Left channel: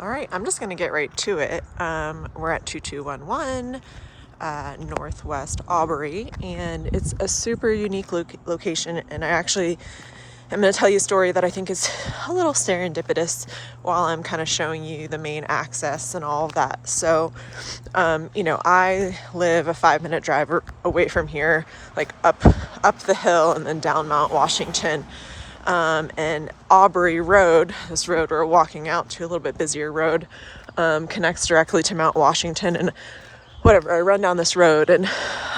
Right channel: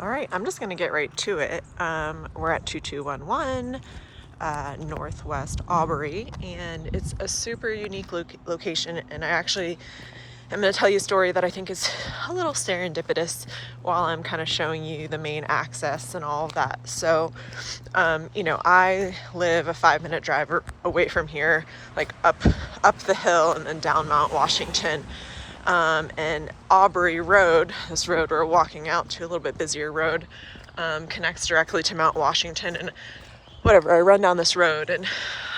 All right, I'm just gonna get right to it. We're at 2211 Northwest Aubrey, and it's a super unique location. And I actually am gonna tell you a story that I think is a little serendipitous while I'm kind of showing you the main access and all of that. So, I live a 5-minute drive away from here, like up the hill and then down Mount Washington. And Aubrey Road, this road we're walking out to, a little bit busier road, connects directly to Mount Washington. And whatever, I run down this road and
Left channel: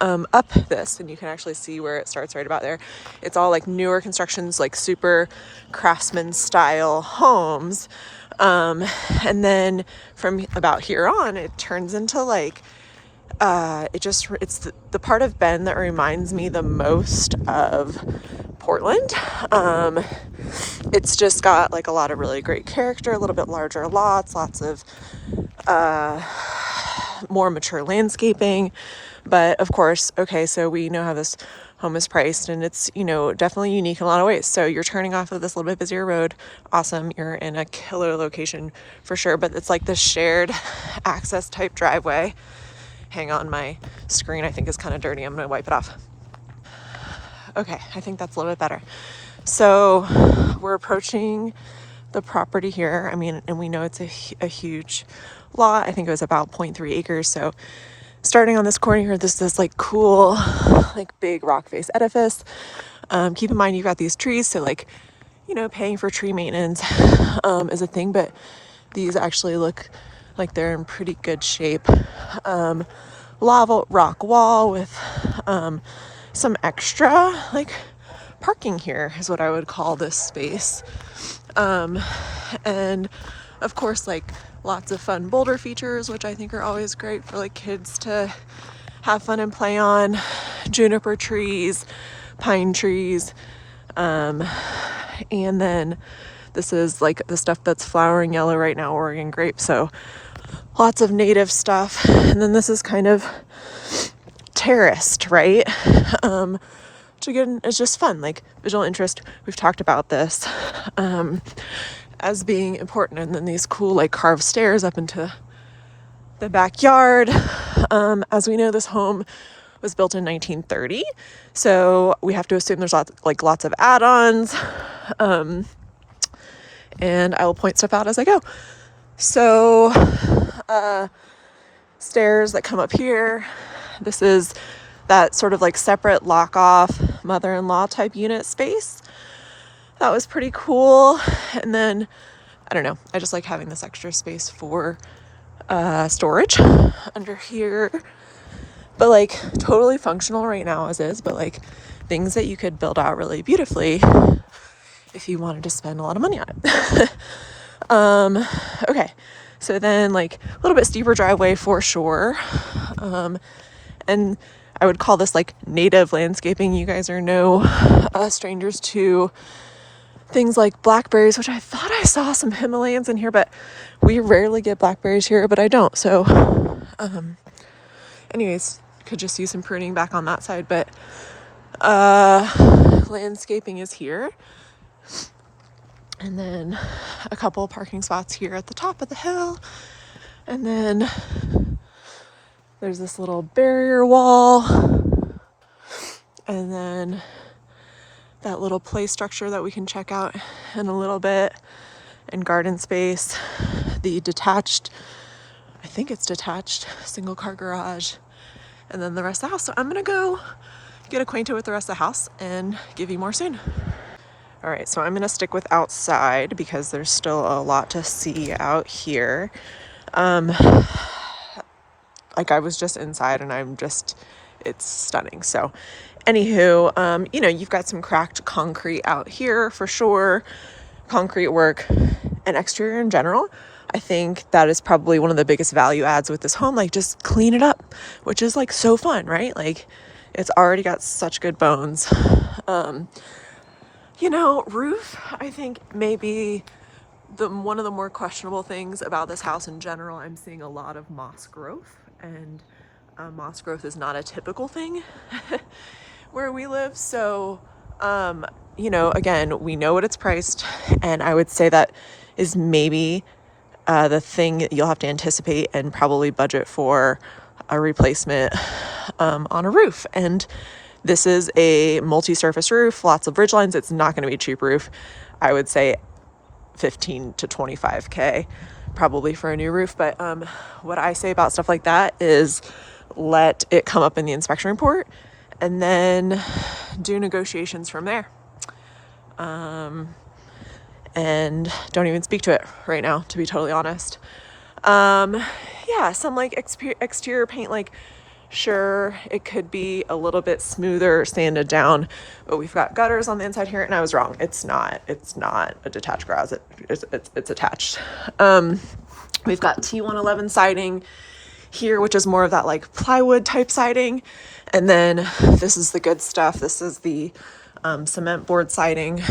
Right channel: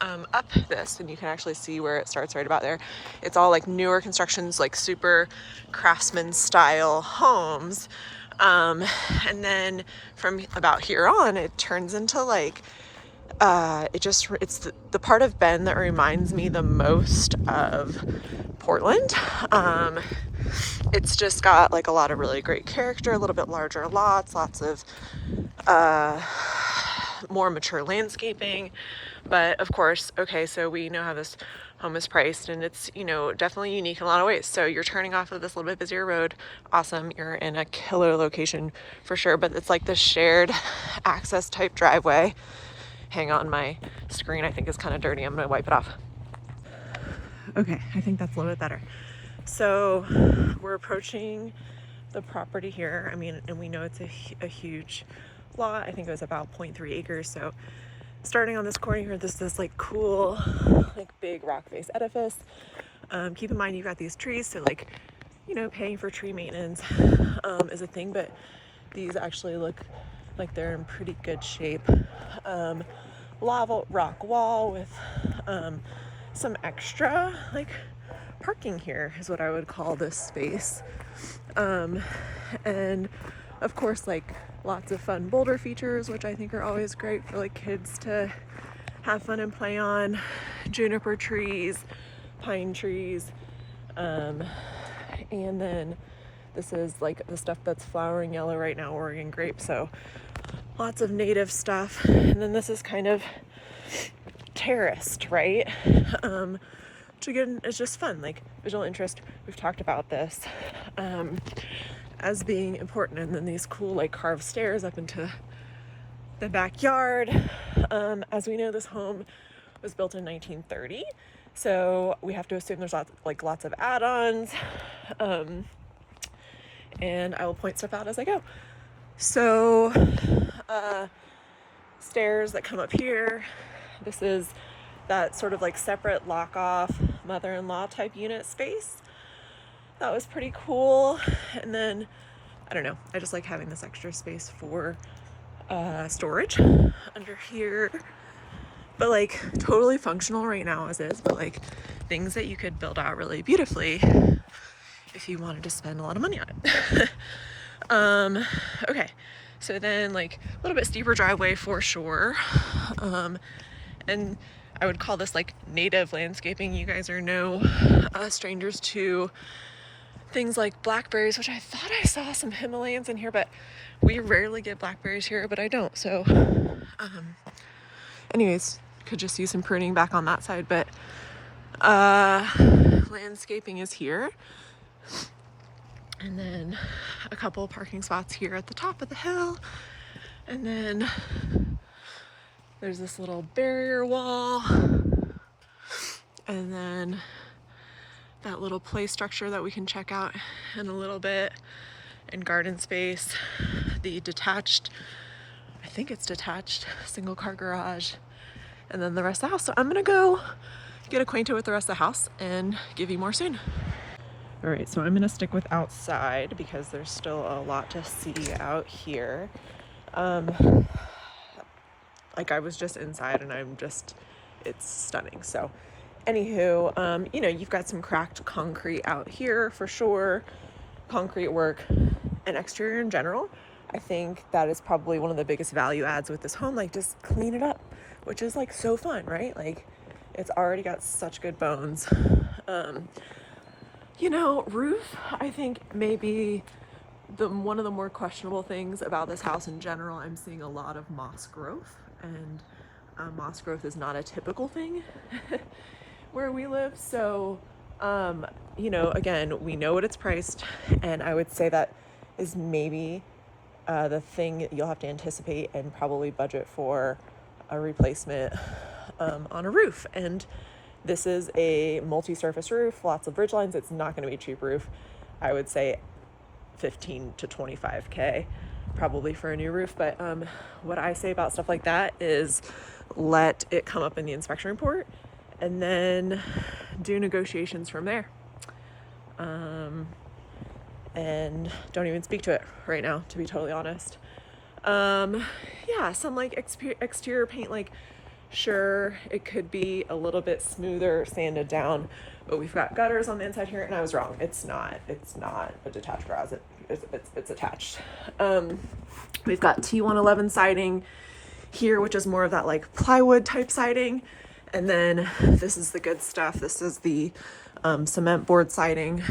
up this, and you can actually see where it starts right about there. It's all like newer constructions, like super craftsman style homes. And then from about here on, it turns into like, it's the part of Bend that reminds me the most of Portland. It's just got like a lot of really great character, a little bit larger lots, lots of more mature landscaping. But of course, okay, so we know how this home is priced, and it's, definitely unique in a lot of ways. So you're turning off of this little bit busier road. Awesome. You're in a killer location for sure, but it's like this shared access type driveway. Hang on, my screen I think is kind of dirty. I'm gonna wipe it off. Okay, I think that's a little bit better. So we're approaching the property here. I mean, and we know it's a huge lot. I think it was about 0.3 acres. So starting on this corner here, this like cool, like big rock face edifice. Keep in mind you've got these trees, so like, paying for tree maintenance is a thing, but these actually look like they're in pretty good shape. Lava rock wall with some extra like parking here is what I would call this space. And of course, like lots of fun boulder features, which I think are always great for like kids to have fun and play on. Juniper trees, pine trees. And then this is like the stuff that's flowering yellow right now, Oregon grape. So lots of native stuff. And then this is kind of terraced, right? Which again is just fun, like visual interest. We've talked about this as being important. And then these cool like carved stairs up into the backyard. As we know, this home was built in 1930, so we have to assume there's lots of add-ons. And I will point stuff out as I go. So stairs that come up here. This is that sort of like separate lock-off mother-in-law type unit space. That was pretty cool. And then, I don't know, I just like having this extra space for storage under here. But like totally functional right now as is, but like things that you could build out really beautifully if you wanted to spend a lot of money on it. Okay, so then like a little bit steeper driveway for sure. And I would call this like native landscaping. You guys are no strangers to things like blackberries, which I thought I saw some Himalayans in here, but we rarely get blackberries here, but I don't. So anyways, could just use some pruning back on that side, but landscaping is here. And then a couple parking spots here at the top of the hill. And then there's this little barrier wall. And then that little play structure that we can check out in a little bit. And garden space. The detached, I think it's detached, single car garage. And then the rest of the house. So I'm gonna go get acquainted with the rest of the house and give you more soon. All right, so I'm gonna stick with outside because there's still a lot to see out here. Like I was just inside and it's stunning. So anywho, you've got some cracked concrete out here for sure. Concrete work and exterior in general. I think that is probably one of the biggest value adds with this home. Like just clean it up, which is like so fun, right? Like it's already got such good bones. Roof, I think maybe one of the more questionable things about this house in general. I'm seeing a lot of moss growth, and moss growth is not a typical thing where we live. So, again, we know what it's priced, and I would say that is maybe the thing you'll have to anticipate and probably budget for a replacement on a roof. And this is a multi-surface roof, lots of ridge lines. It's not going to be a cheap roof. I would say 15 to 25K probably for a new roof. But what I say about stuff like that is let it come up in the inspection report and then do negotiations from there. And don't even speak to it right now, to be totally honest. Yeah, some like exterior paint, like sure, it could be a little bit smoother, sanded down, but we've got gutters on the inside here, and I was wrong. It's not a detached garage. It's attached. We've got T111 siding here, which is more of that like plywood type siding. And then this is the good stuff. This is the cement board siding.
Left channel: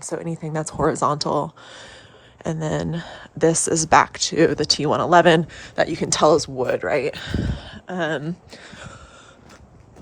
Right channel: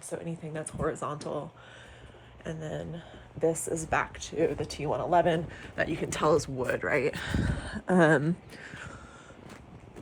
So anything that's horizontal. And then this is back to the T111 that you can tell is wood, right?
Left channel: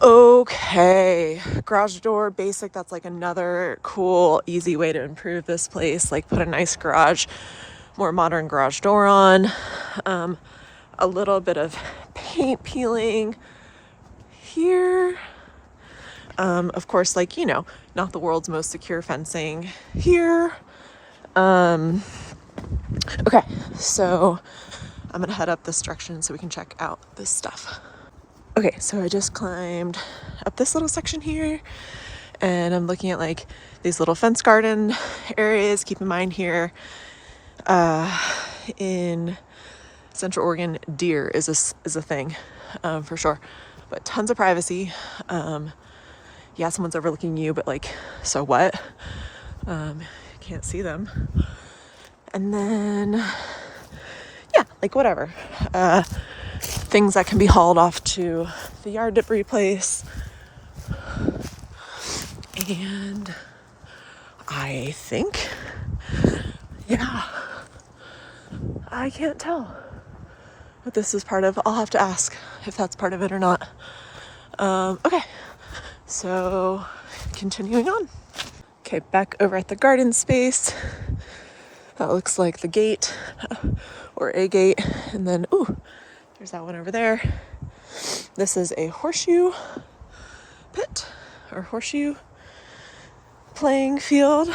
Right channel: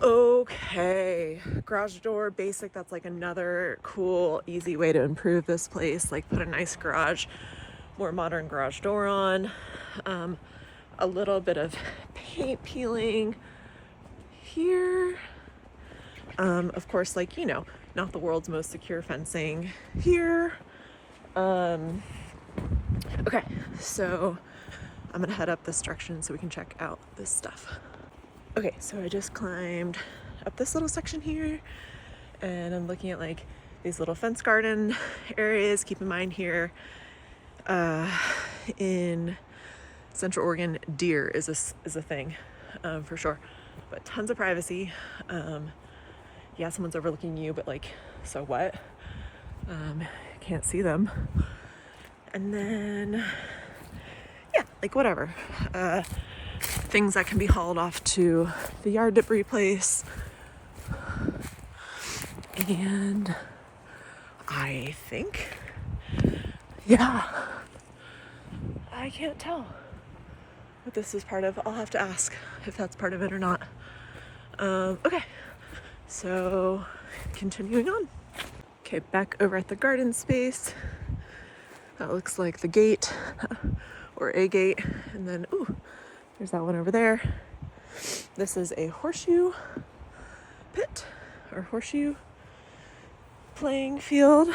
Okay, garage door basic. That's like another cool, easy way to improve this place. Like put a nice garage, more modern garage door on. A little bit of paint peeling here. Of course, like, you know, not the world's most secure fencing here. Okay, so I'm gonna head up this direction so we can check out this stuff. Okay, so I just climbed up this little section here and I'm looking at like these little fence garden areas. Keep in mind here, in Central Oregon, deer is a thing, for sure, but tons of privacy. Yeah, someone's overlooking you, but like, so what? Can't see them. And then, yeah, like whatever. Things that can be hauled off to the yard debris place. And I think, yeah, I can't tell what this is part of. I'll have to ask if that's part of it or not. Okay, so continuing on. Okay, back over at the garden space. That looks like the gate or a gate. And then, ooh, there's that one over there. This is a horseshoe pit or horseshoe playing field.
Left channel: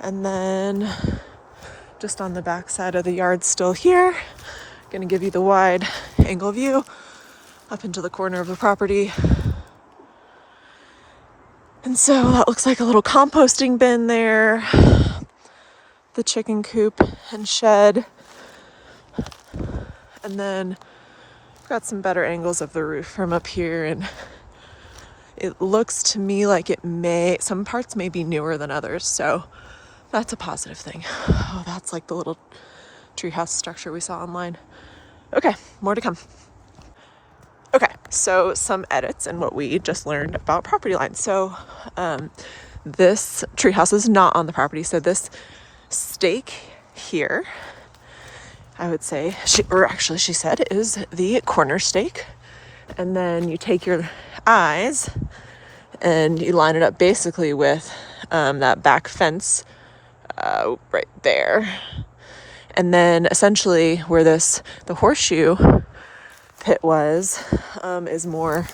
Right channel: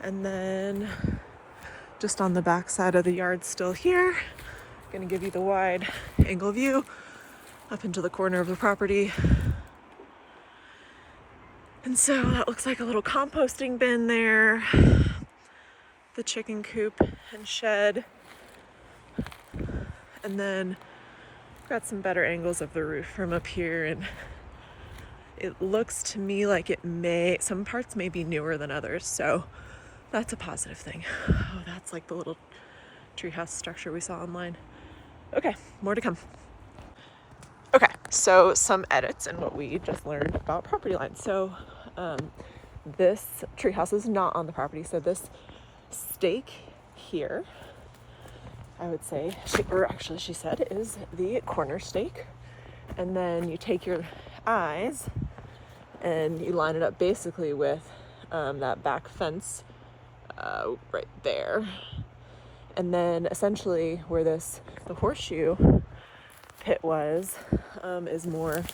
And then just on the back side of the yard still here, gonna give you the wide angle view up into the corner of the property. And so that looks like a little composting bin there, the chicken coop and shed. And then got some better angles of the roof from up here, and it looks to me like some parts may be newer than others, so that's a positive thing. Oh, that's like the little treehouse structure we saw online. Okay, more to come. Okay, so some edits in what we just learned about property lines. So this treehouse is not on the property, so this stake here, I would say, she said, is the corner stake. And then you take your eyes and you line it up basically with that back fence right there. And then essentially where the horseshoe pit was, is more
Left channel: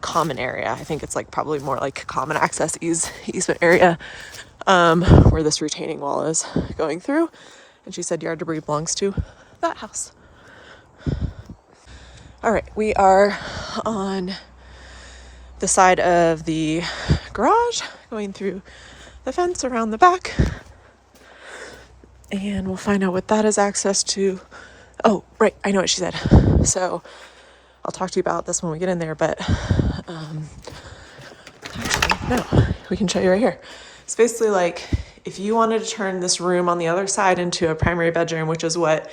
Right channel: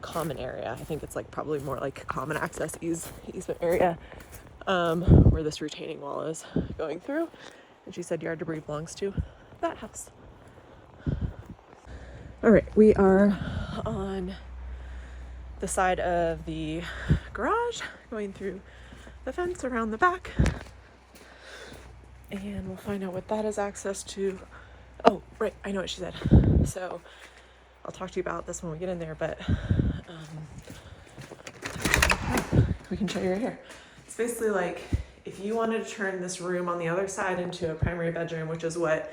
common area. I think it's like probably more like common access easement area, where this retaining wall is going through. And she said yard debris belongs to that house. All right, we are on the side of the garage, going through the fence around the back. And we'll find out what that is access to. Oh, right, I know what she said. So I'll talk to you about this when we get in there, but no, we can show you right here. It's basically like if you wanted to turn this room on the other side into a primary bedroom, which is what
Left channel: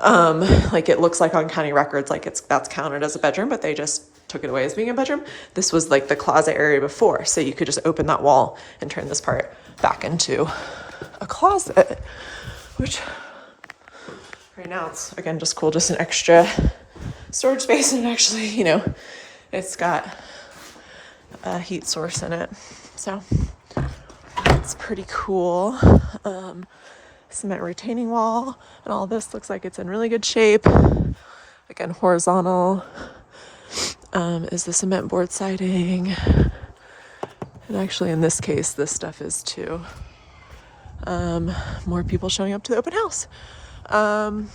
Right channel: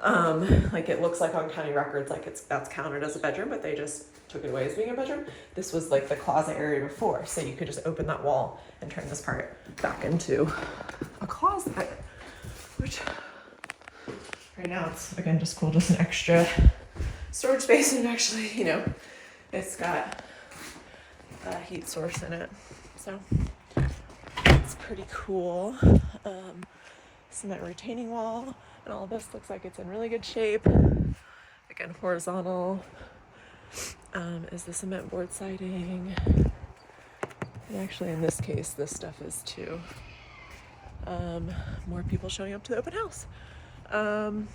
like it looks like on county records, like that's counted as a bedroom, but they just took it away as being a bedroom. This was like the closet area before, so you could just open that wall and turn this part back into a closet, which right now it's, again, just cool, just an extra storage space. And actually, you know, it's got a heat source in it, so it's pretty cool. cement retaining wall, and all this looks like it's in really good shape. Again, horizontal is the cement board siding. And actually in this case, this stuff is too. More people showing up to the open house. And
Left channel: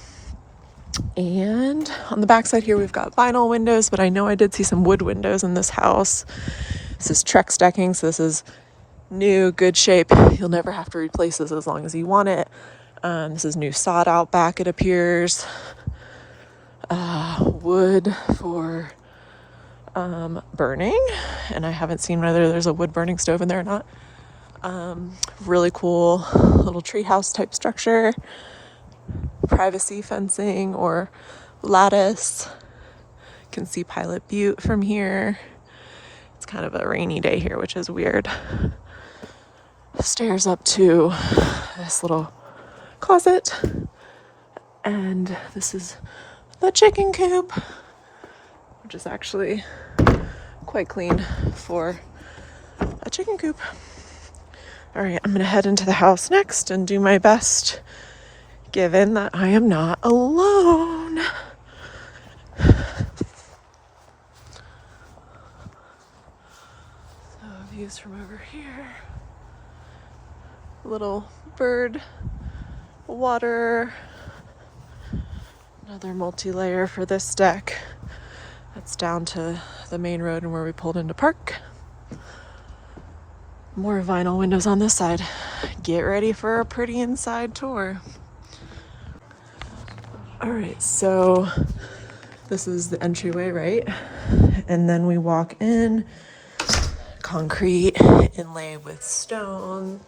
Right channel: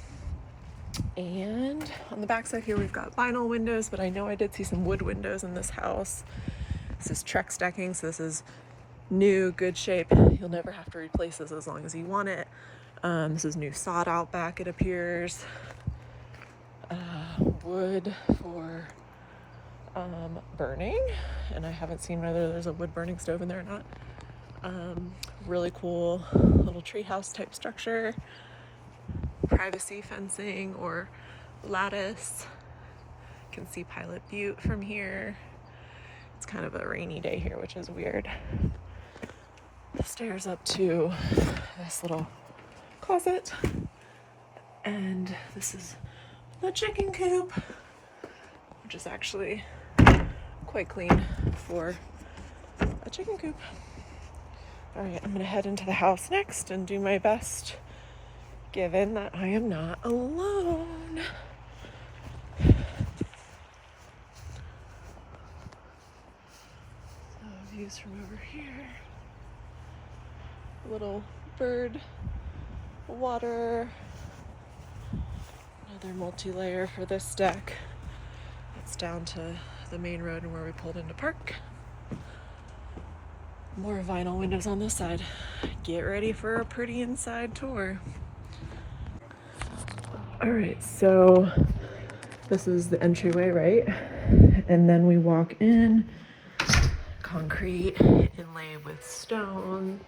on the back side here, we've got vinyl windows, but I know I did see some wood windows in this house. This is Trex decking, so this is new, good shape. You'll never have to replace this as long as you want it. This is new sod out back, it appears. Wood for burning, and I haven't seen whether there's a wood burning stove in there or not. Really cool little treehouse type structure. Privacy fencing or lattice. You can see Pilot Butte from here. It's kind of a rainy day here, which is weird. Stairs up to this little closet. And this is the chicken coop, which is actually quite clean for a chicken coop. All right, I'm gonna head into the house next and do my best, given that I am not alone. So views from over here. Little bird water. Another multi-layer for this deck. That's down to the main road and where we pulled into park. More vinyl windows on this side. Get ready for a pretty inside tour. All right, so this is the entryway, right? And then we walk in, concrete inlay with stone.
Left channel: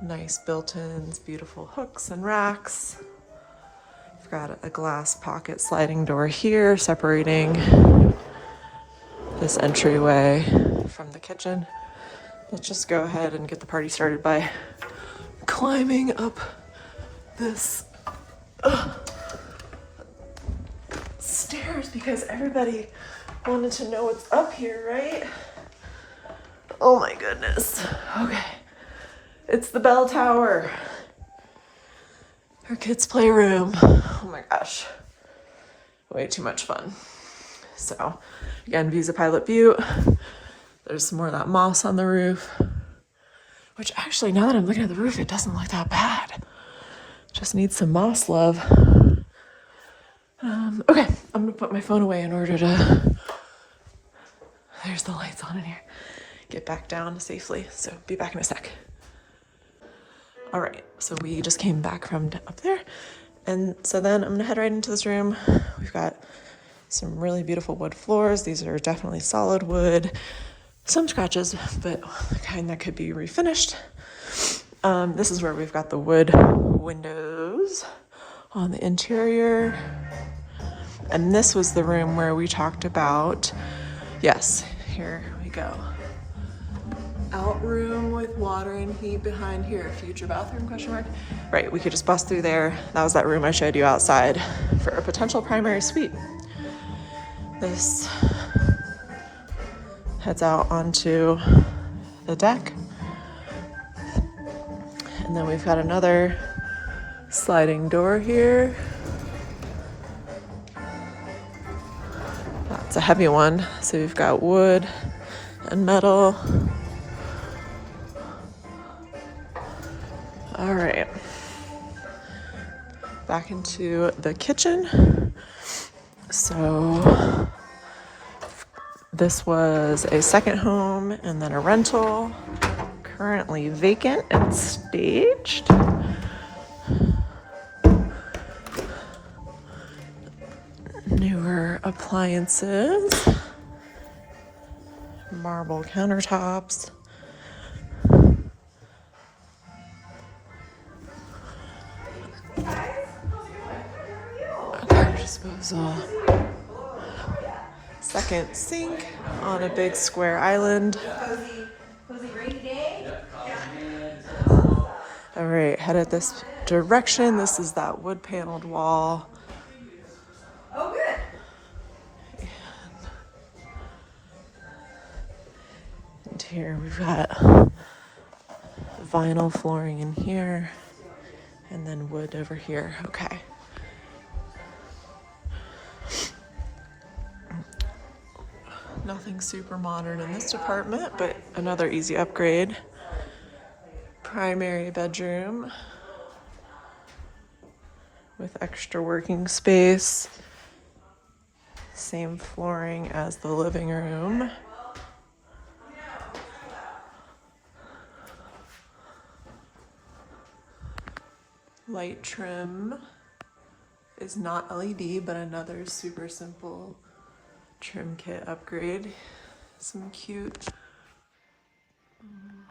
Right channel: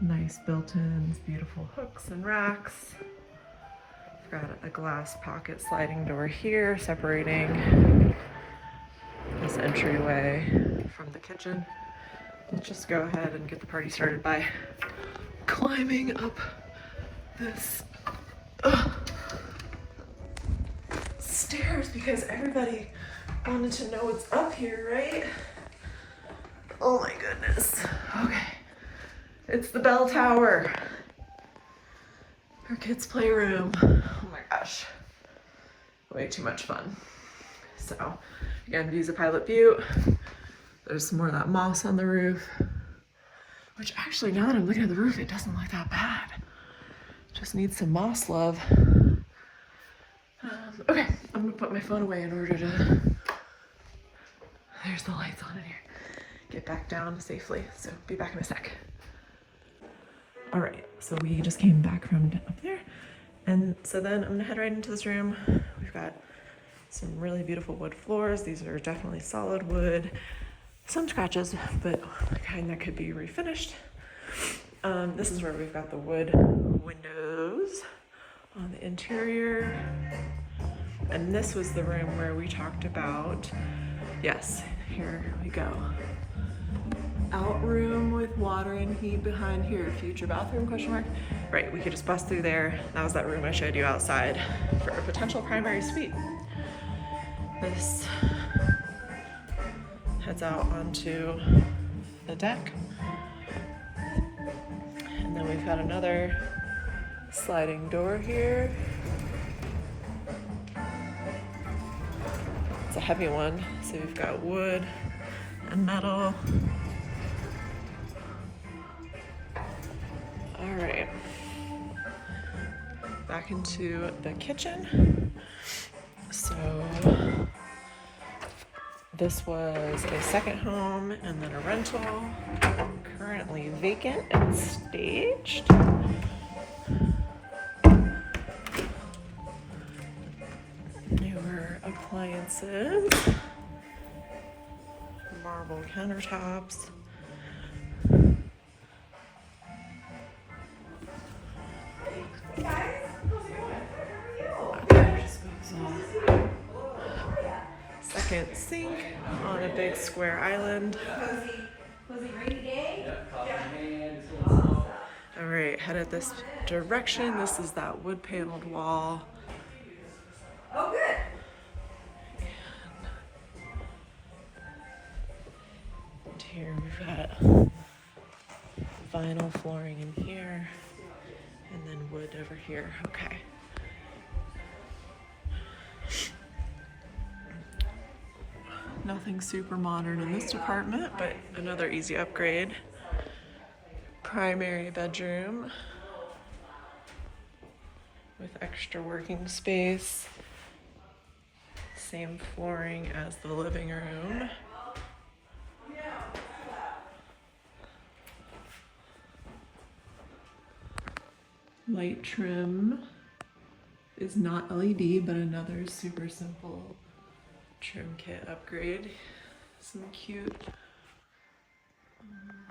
Nice built-ins, beautiful hooks and racks. We've got a glass pocket sliding door here separating this entryway from the kitchen. Let's just go ahead and get the party started by climbing up this stairs because everybody wanted to know what's up here, right? Oh my goodness. Okay. It's the bell tower. Our kids' playroom. Oh my gosh. Way too much fun. So, again, views of Pilot Butte. There's some more of that moss on the roof. Which actually, now that I'm looking at the roof, it doesn't look that bad. Just needs some moss love. Okay, I'm gonna put my phone away in order to... There's the lights on in here. Get back down safely. So, be back in a sec. All right, so we just came back from up there. And so then I'm gonna head right into this room. We've got some really beautiful wood floors. These are definitely solid wood. Some scratches, but the kind that could be refinished. This is where we've got the wood windows on the interior. And this was the room where we talked about, yes, here we go. Out room with water and heat behind here. Future bathroom, question mark? Right, we could just bust through there. That was that room I showed you outside for a potential primary suite. This heads out onto the deck. And then we've got another sliding door here. That's a heavy one. So we've got wood and metal. All right, back into the kitchen. So this was a second home and then a rental, currently vacant and staged. Newer appliances, marble countertops. Disposal. Second sink on a big square island. All right, headed this direction. This is that wood paneled wall. Oh, good. And here we've got vinyl flooring in here, and then wood over here. Okay. Nothing super modern in this department, but another easy upgrade. Primary bedroom with extra working space. Same flooring as the living room. Light trim is not LED, but another super simple trim kit upgrade. Some cute,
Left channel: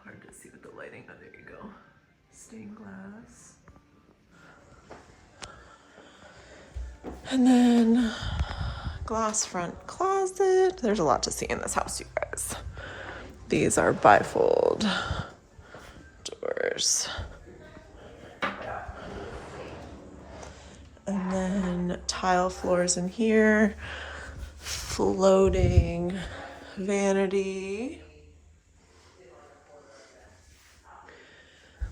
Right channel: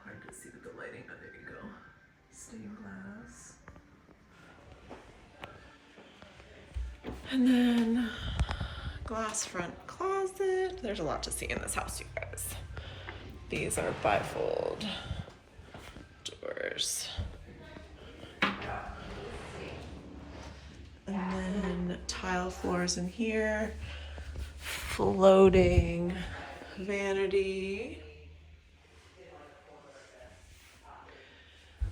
hard to see with the lighting, oh, there you go. Stained glass. And then glass front closet. There's a lot to see in this house, you guys. These are bifold doors. And then tile floors in here. Floating vanity.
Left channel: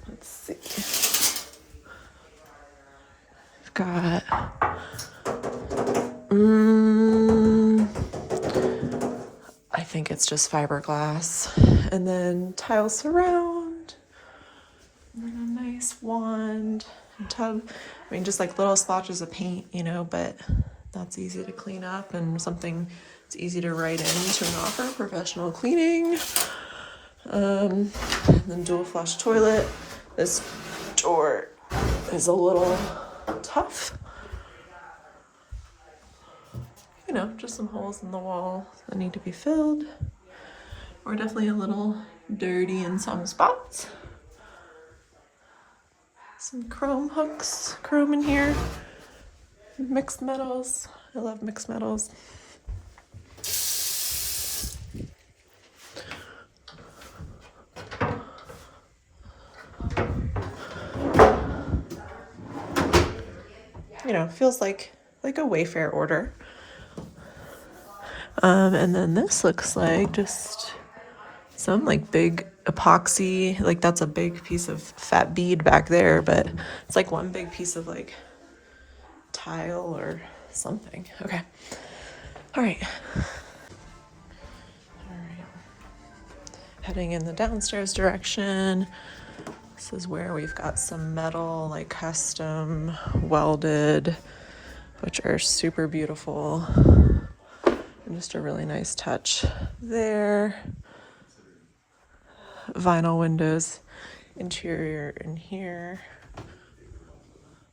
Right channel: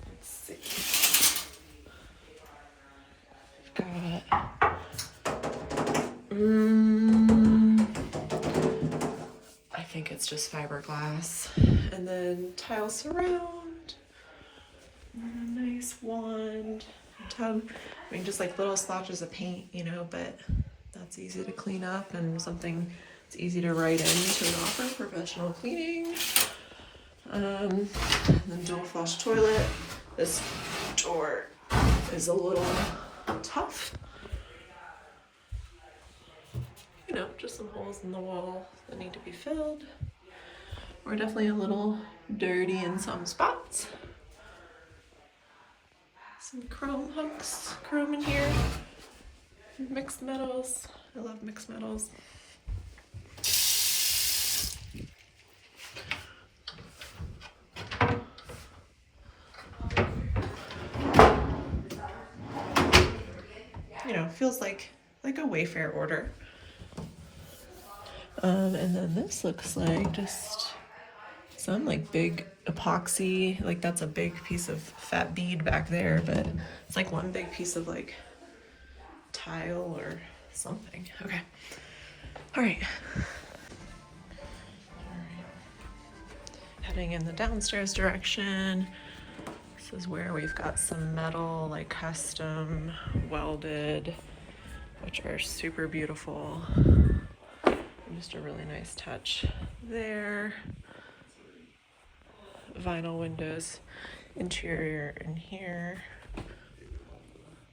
Let's see. We've got I think it's just fiberglass. And then tile surround. And then a nice wand. Tub. I mean, just like little splotches of paint, you know, but that's easy to clean up and something it's easy to write into an offer, professional cleaning. And then dual flush toilet. This door is a little tough. You know, just some holes in the wall that need to be filled. We're definitely a little dirty in some spots. Some chrome hooks, chrome in here. Mixed metals. I love mixed metals. You know, feels like a Wayfair order. And then this looks like just some like big epoxy, like that's a big piece of fat bead back there, but it's like one big piece of like tile or something. Okay. All right. Heading in the downstairs direction. This is where we've got some metal, like custom welded, which are super beautiful. Just a really nice touch there. Vinyl windows, interior in here.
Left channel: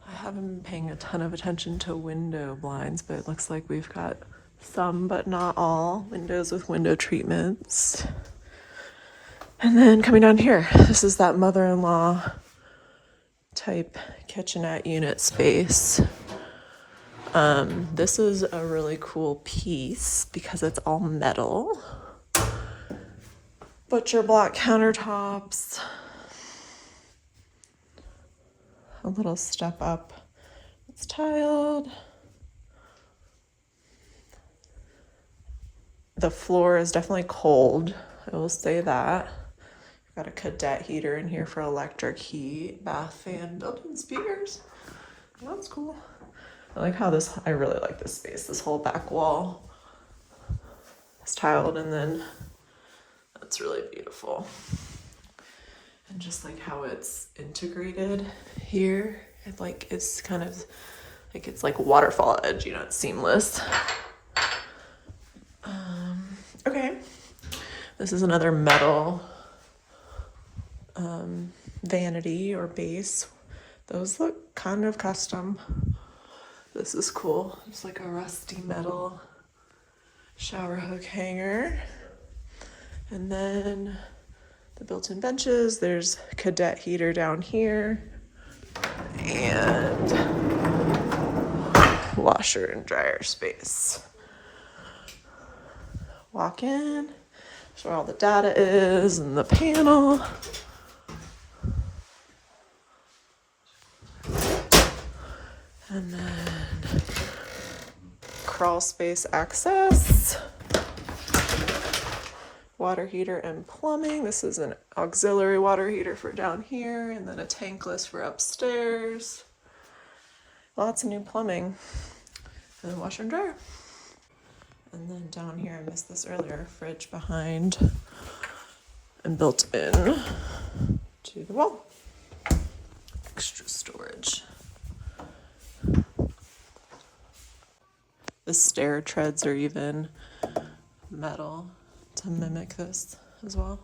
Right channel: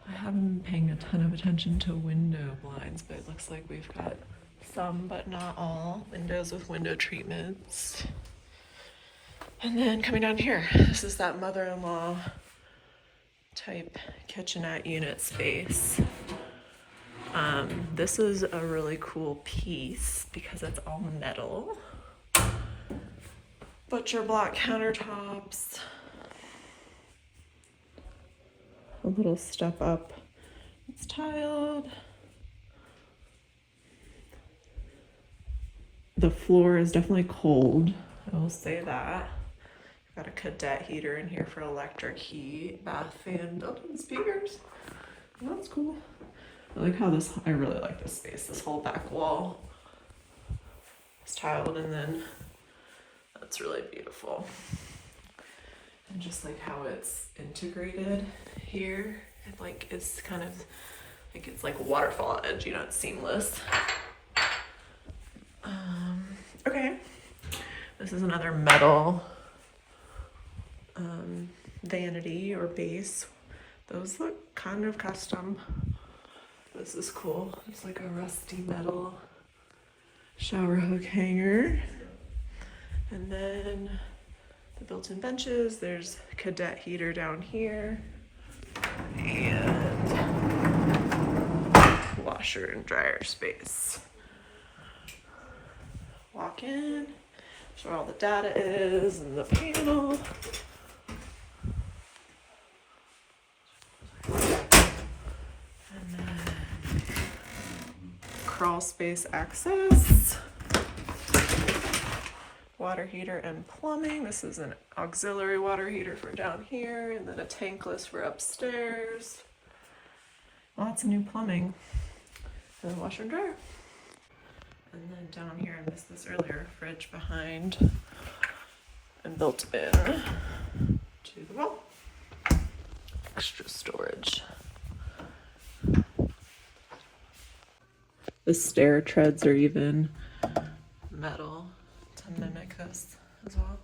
I haven't been paying a ton of attention to window blinds, but it looks like we've got some, but not all, windows with window treatments. And then coming down here, this is that mother-in-law type kitchenette unit space. This is a really cool piece because it's all metal. Butcher block countertops. A little step up. It's tiled. The floor is definitely cold. I will say that. Got a cadet heater in here for electric heat. Bath fan, built-in speakers. That's cool. I like how this, I really like this space. This whole back wall is tiled, and then that's really beautiful. And just like how it's integrated here, it like is kind of like it's like waterfall edge, you know, it's seamless. Okay, this is another metal vanity or base. Those look kind of custom. This is cool. It's like a rusty metal shower hook hanger. And then the built-in benches. There's cadet heater down here. And washer and dryer space. Walk in. That's where all the data is and the panel. And then crawl space access. water heater and plumbing. This is an auxiliary water heater for down here, and then a tankless for upstairs. Lots of new plumbing. And then washer and dryer. And then down here, I missed this earlier, fridge behind and built in to the wall. Extra storage. The stair treads are even metal to mimic this as well.